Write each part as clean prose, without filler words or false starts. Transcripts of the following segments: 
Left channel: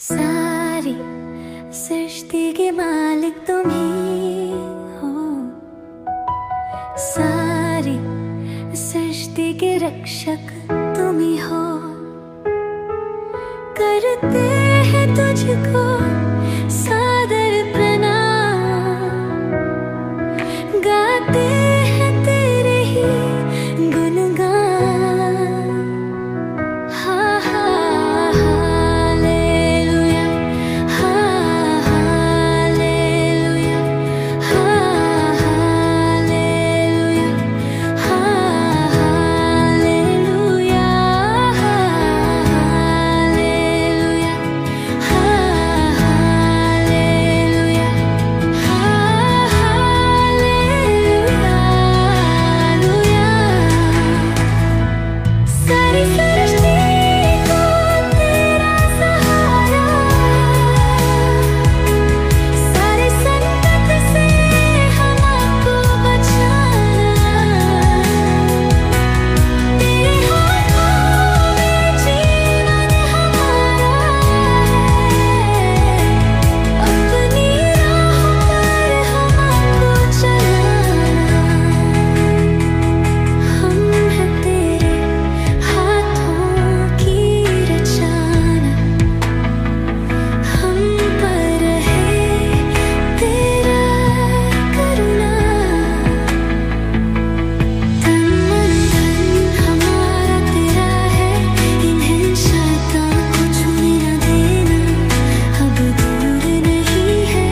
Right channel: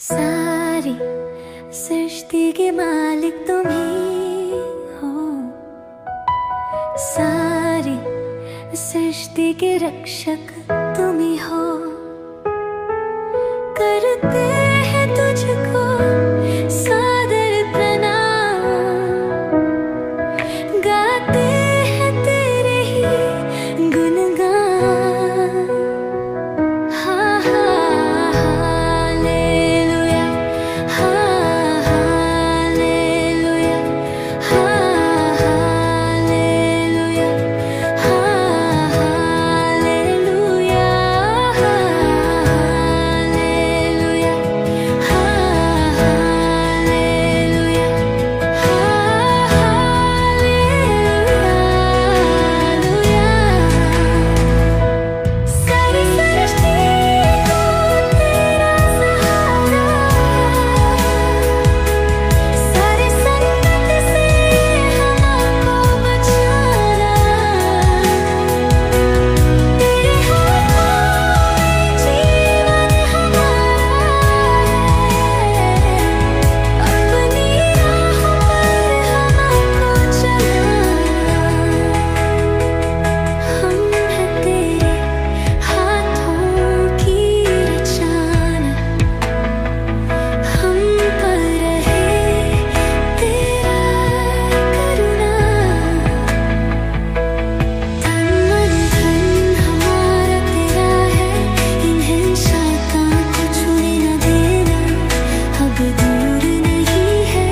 सारी सृष्टि के मालिक तुम ही हो, सारी सृष्टि के रक्षक तुम ही हो। करते हैं तुझको सादर प्रणाम, गाते हैं तेरे ही गुणगान। दूर नहीं है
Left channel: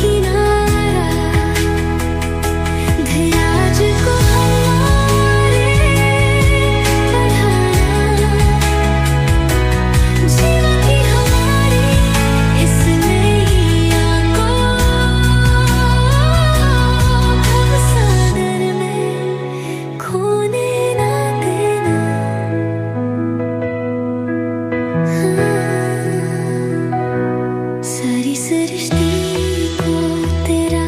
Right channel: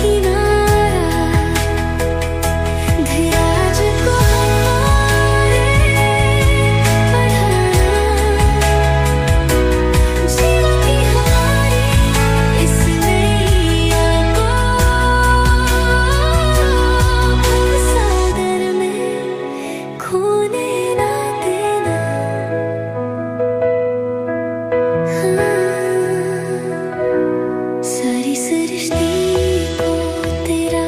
किनारा, धीरज को हमारे बढ़ाना, जीवन की हमारी इस नैया को भव सागर में खोने ना देना। सारी सृष्टि को तेरा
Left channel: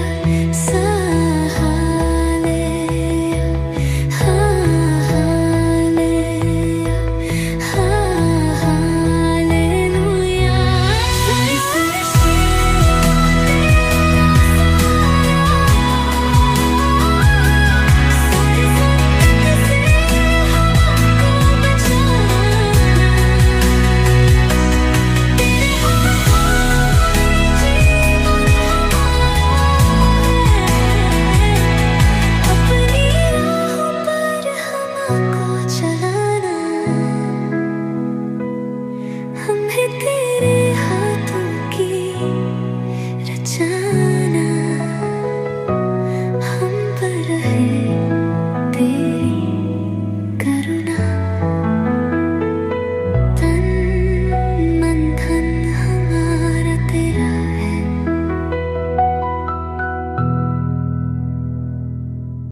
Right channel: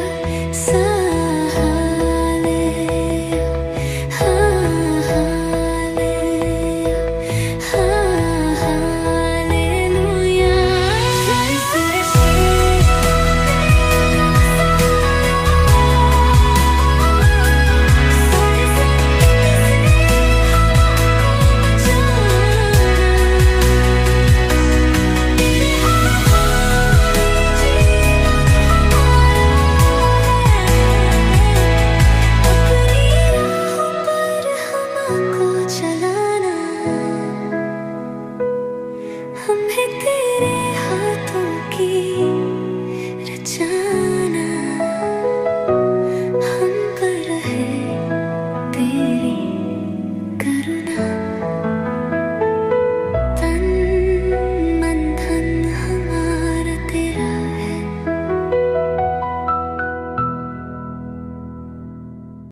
चलाना, हमें तेरे हाथों की रचना, हम पर है तेरी करुणा।